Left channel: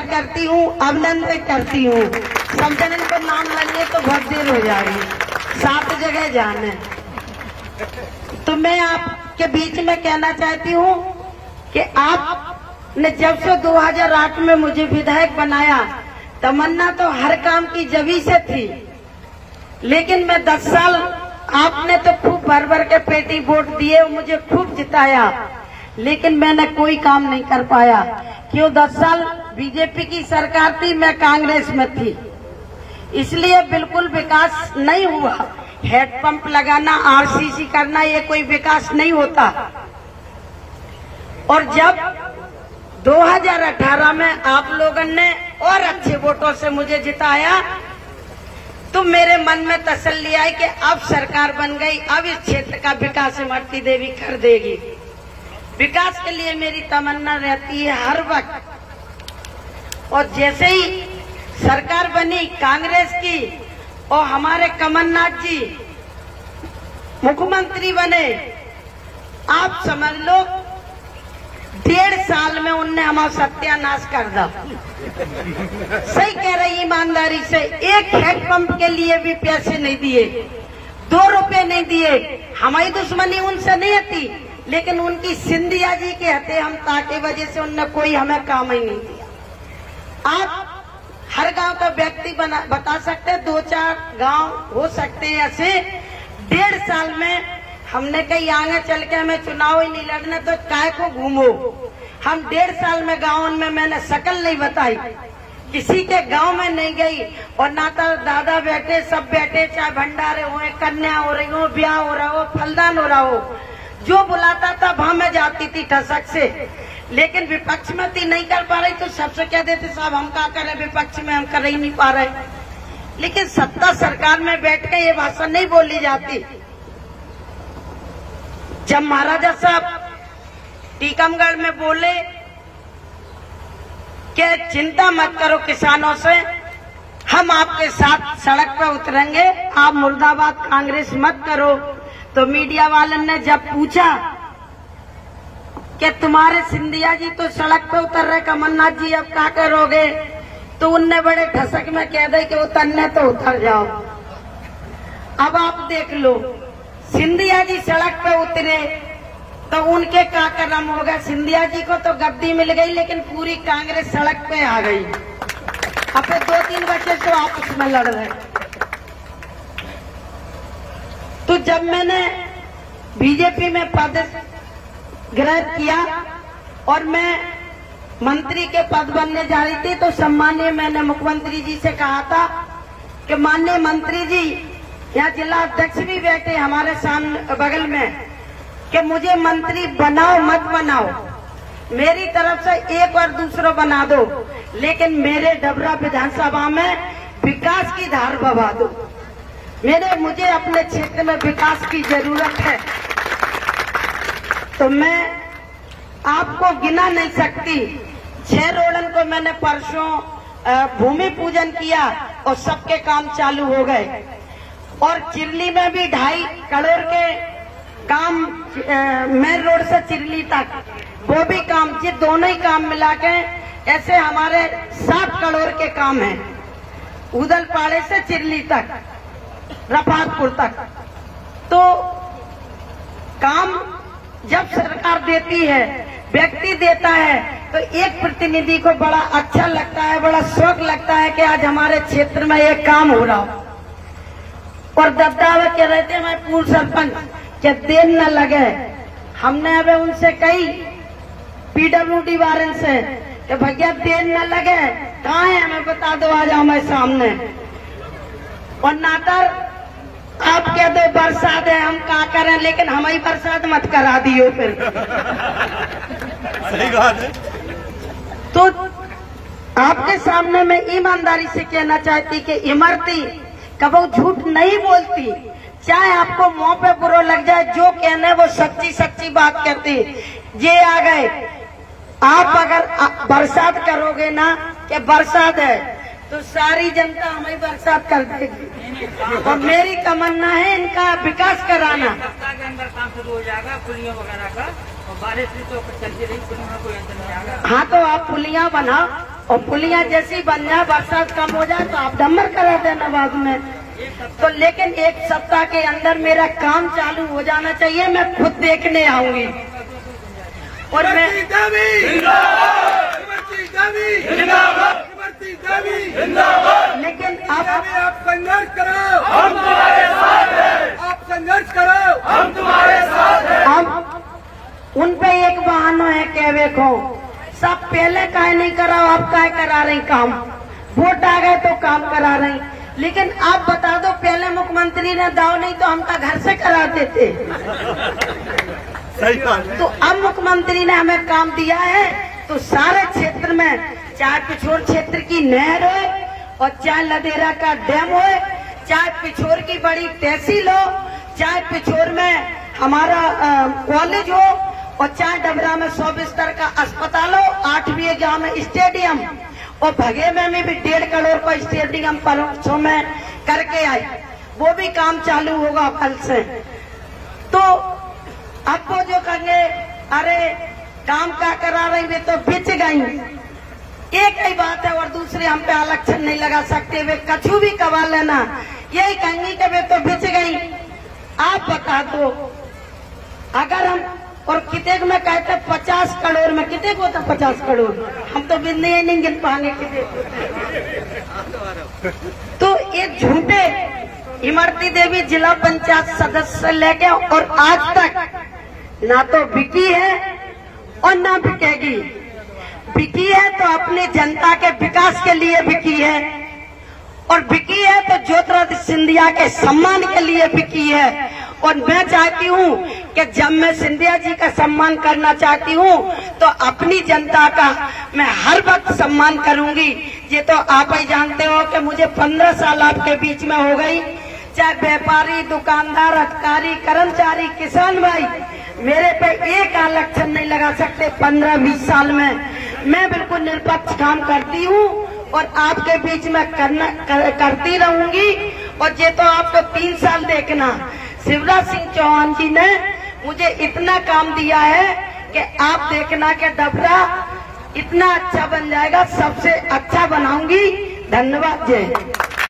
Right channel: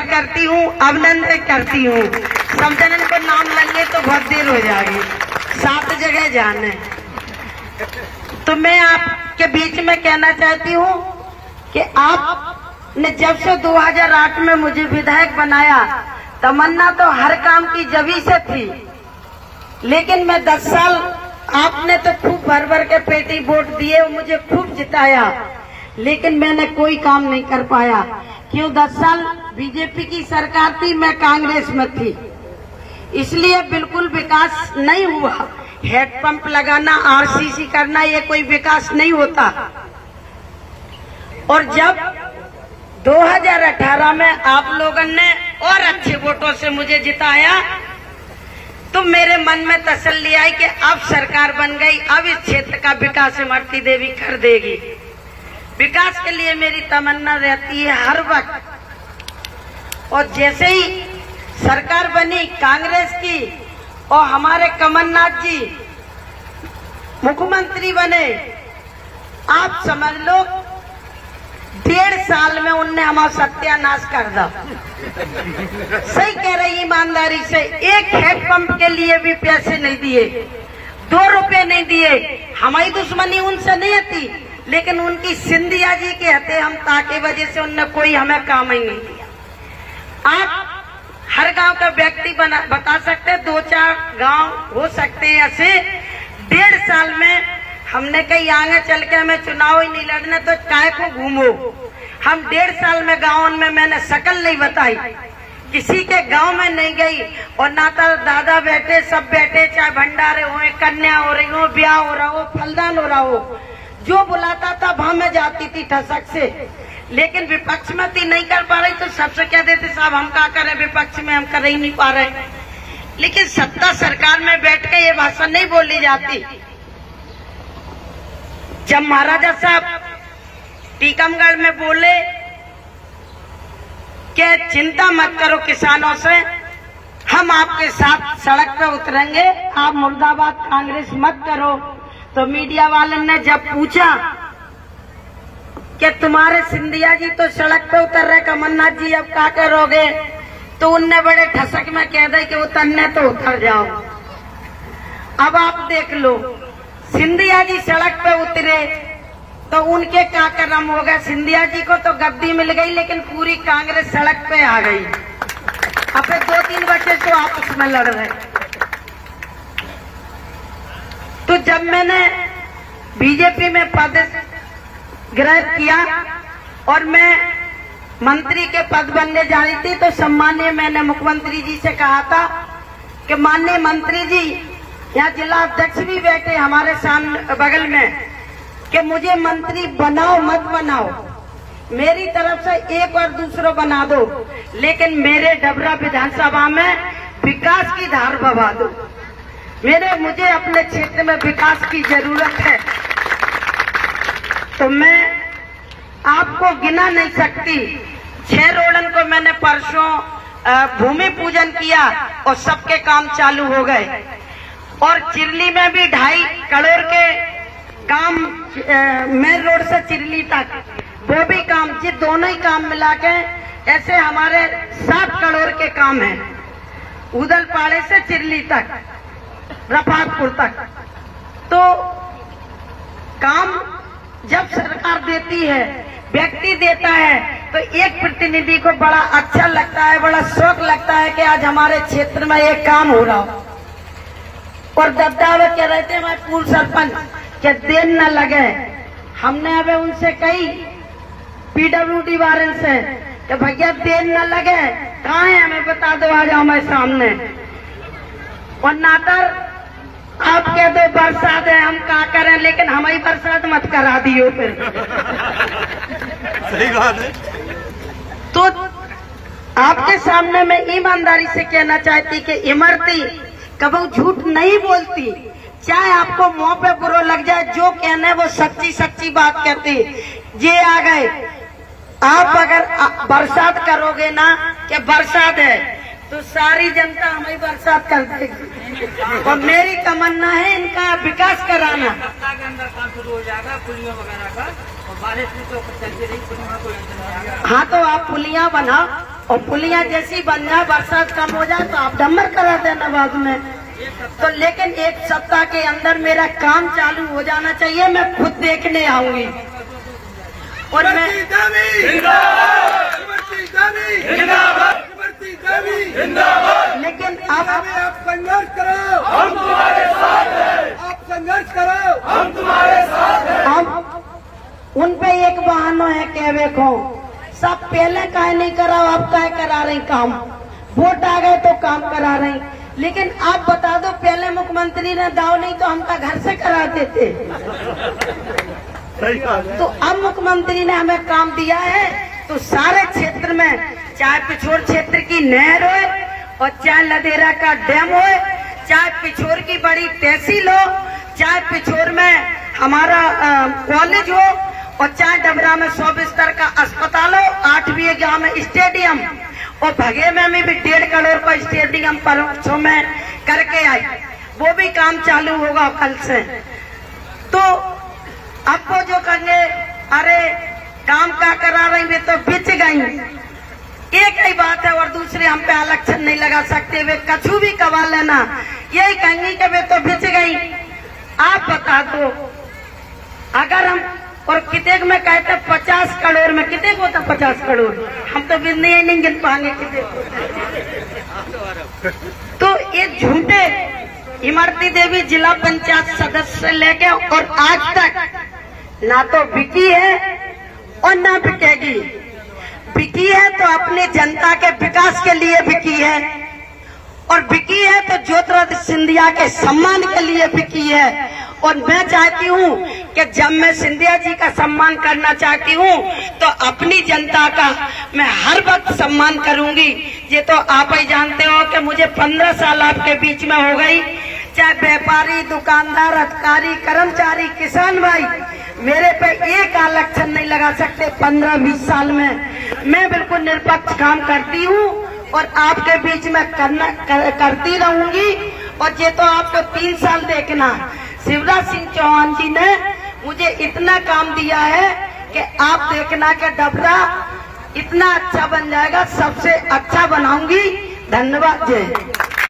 स्वागत करती हूँ, अभिनंदन करती हूँ। सब जनन को नाम लेंगे तो बहुत देर हो जाएगी, 7 जगह जाने। तो मैं आपके बीच में कहना चाहती हूँ कि आपने जब से 2008 में मुझे विधायक बनाया, तमन्ना तो हर काम की जभी से थी, लेकिन मैं 10 साल आपने तो खूब भर भर के पेटी वोट दिए, मुझे खूब जिताया, लेकिन मैंने कोई काम नहीं कर पाया। क्यों? 10 साल बीजेपी की सरकार थी, मैं कांग्रेस में थी, इसलिए बिल्कुल विकास नहीं हुआ। हेडपंप लगाना, आरसीसी करना, ये कोई विकास नहीं होता। और जब 2018 में आप लोगों ने और अच्छे वोटों से मुझे जिताया, तो मेरे मन में तसल्ली आई कि अब सरकार बन गई, अब इस क्षेत्र का विकास इमरती देवी कर देगी। विकास के लिए मेरी तमन्ना रहती है हर वक्त। और जैसे ही सरकार बनी कांग्रेस की और हमारे कमलनाथ जी मुख्यमंत्री बने, आप समझ लो 1.5 साल में उनने हमारा सत्यानाश कर दिया। सही कह रही, ईमानदारी से। एक हैंडपंप के लिए भी पैसे नहीं दिए, 2 रुपए नहीं दिए। हमारी दुश्मनी उनसे नहीं थी, लेकिन उनकी सिंधिया जी के हते हम ताके वजह से उनने कोई हमें काम ही नहीं दिया। आप हर गांव का व्यक्ति बता सकते हैं, 2-4 गांव हो सकते हैं ऐसे। 1.5 साल में हमने कही आगे चल के हमें चुनाव ही नहीं लड़ने, तो काय को घूमो। हम 1.5 साल में गाँव में मैंने शकल नहीं बताई, किसी के गांव में नहीं गई, और ना तो दादा बैठे, सब बैठे, चाहे भंडारे हो, कन्या हो रही हो, ब्याह हो रहा हो, फलदान हो रहा हो, जो बुलाता था वहां में जाती थी ठसक से। लेकिन विपक्ष में थी, नहीं कर पा रही, तो सबसे कह देते साहब हम क्या करें, विपक्ष में हम कर ही नहीं पा रहे। लेकिन सत्ता सरकार में बैठ के ये भाषा नहीं बोली जाती। जब महाराजा साहब टीकमगढ़ में बोले कि चिंता मत करो किसानों से, हम आपके साथ सड़क पर उतरेंगे, आप मुर्दाबाद कांग्रेस मत करो, तो मीडिया वाले ने जब पूछा कि तुम्हारे सिंधिया जी तो सड़क पे उतर रहे, कमलनाथ जी अब क्या करोगे, तो उनने बड़े ठसक में कह दे कि उतरने तो उतर जाओ। अब आप देख लो, सिंधिया जी सड़क पे उतरे तो उनके क्या कर्म होगा। सिंधिया जी को तो गद्दी मिल गई, लेकिन पूरी कांग्रेस सड़क पे आ गई। अब फिर 2-3 बच्चे तो आपस में लड़ रहे। तो जब मैंने बीजेपी में पद ग्रहण किया और मैं मंत्री के पद बनने जा रही थी, तो सम्मानीय मैंने मुख्यमंत्री जी से कहा था कि माननीय मंत्री जी, यहाँ जिला अध्यक्ष भी बैठे हमारे सामने बगल में, कि मुझे मंत्री बनाओ मत बनाओ, मेरी तरफ से एक और दूसरा बना दो, लेकिन मेरे डबरा विधानसभा में विकास की धार बहा दो। मुझे अपने क्षेत्र में विकास की जरूरत है। तो मैं आपको गिना नहीं सकती, 6 रोडन को मैंने परसों भूमि पूजन किया और सबके काम चालू हो गए। और चिरली में भी 2.5 करोड़ के काम, मेन रोड से चिरली तक, वो भी काम, ये दोनों ही काम मिला के ऐसे हमारे 7 करोड़ के काम हैं, उदलपाड़े से चिरली तक, रफातपुर तक। तो काम जब सरकार देती है, व्यक्ति देता है, तो एक प्रतिनिधि को बड़ा अच्छा लगता है, बड़ा शौक लगता है कि आज हमारे क्षेत्र में ये काम हो रहा हो। और दबदावे के रहते हैं पूर्व सरपंच के देर न लगे। हमने अब उनसे कही पीडब्ल्यूडी वाले से कि भैया देर न लगे, कहाँ है हमें बता दो, आ जाओ मैं सामने। और नाटर आप कह दो बरसात है, हम क्या करें, लेकिन हमारी बरसात मत करा दियो फिर। सही बात है। तो आपके सामने मैं ईमानदारी से कहना चाहती कि इमरती कभी झूठ नहीं बोलती, चाहे आपको मुंह पे बुरा लग जाए, जो कहने वो सच्ची सच्ची बात कहती। ये आ गए, आप अगर बरसात करोगे ना कि बरसात है, तो सारी जनता हमें बरसात कर देगी। और मेरी तमन्ना है इनका विकास कराना। सप्ताह के अंदर काम शुरू हो जाएगा पुलियों वगैरह का, और बारिश भी तो चलती रही, पुलियों में कोई अंतर नहीं आएगा। हाँ, तो आप पुलियां बनाओ, और पुलिया जैसी बन जाए, बरसात कम हो जाए तो आप डम्बर करा देना बाद में। तो लेकिन 1 सप्ताह के अंदर मेरा काम चालू हो जाना चाहिए, मैं खुद देखने आऊंगी। और मैं लेकिन आप संघर्ष करो, हम तुम्हारे साथ हैं। आप संघर्ष करो, हम तुम्हारे साथ हैं। अब उन पे एक बहाना है कहवे को, सब पहले काहे नहीं कराओ, आप काहे करा रही काम, वोट आ गए तो काम करा रही। लेकिन आप बता दो, पहले मुख्यमंत्री ने दाव नहीं तो हमका घर से कराते थे। तो अब मुख्यमंत्री ने हमें काम दिया है तो सारे क्षेत्र में, चाहे पिछोर क्षेत्र की नहर हो और चाहे लदेरा का डैम हो, चाहे पिछोर की बड़ी तहसील हो, चाहे पिछोर में हमारा कॉलेज हो, और चाहे डबरा में 100 बिस्तर का अस्पताल हो, 8वीं गांव में स्टेडियम, और भगे में भी 1.5 करोड़ का स्टेडियम परसों में करके आई, वो भी काम चालू होगा कल से। तो आपको जो कहेंगे अरे काम क्या करा रही, वे तो बिच गई, एक ही बात है। और दूसरे हम पे आलक्षण नहीं लगा सकते, वे कछु भी कवा लेना, यही कहेंगे कि वे तो बिच गई। आप बता दो, अगर हम और कितने में कहते 50 करोड़ में, कितने को होता 50 करोड़, हम तो बिजली नहीं गिन पाएंगे कितने को। तो ये झूठे इमरती देवी जिला पंचायत सदस्य से लेके और आज तक ना तो बिकी है और ना बिकेगी। बिकी है तो अपनी जनता के विकास के लिए बिकी है, और बिकी है तो ज्योतिरादित्य सिंधिया के सम्मान के लिए बिकी है। और मैं चाहती हूँ कि जब मैं सिंधिया जी का सम्मान करना चाहती हूँ तो अपनी जनता का मैं हर वक्त सम्मान करूंगी। ये तो आप ही जानते हो कि मुझे 15 साल आपके बीच में हो गई, चाहे व्यापारी, दुकानदार, अधिकारी, कर्मचारी, किसान भाई, मेरे पे एक आलक्षण नहीं लगा सकते 15-20 साल में। मैं बिल्कुल निष्पक्ष काम करती हूँ और आपके बीच में करती रहूंगी। और ये तो आपको 3 साल देखना, शिवराज सिंह चौहान जी ने मुझे इतना काम दिया है कि आप देखना कि डबरा इतना अच्छा बन जाएगा, सबसे अच्छा बनाऊंगी। धन्यवाद। जय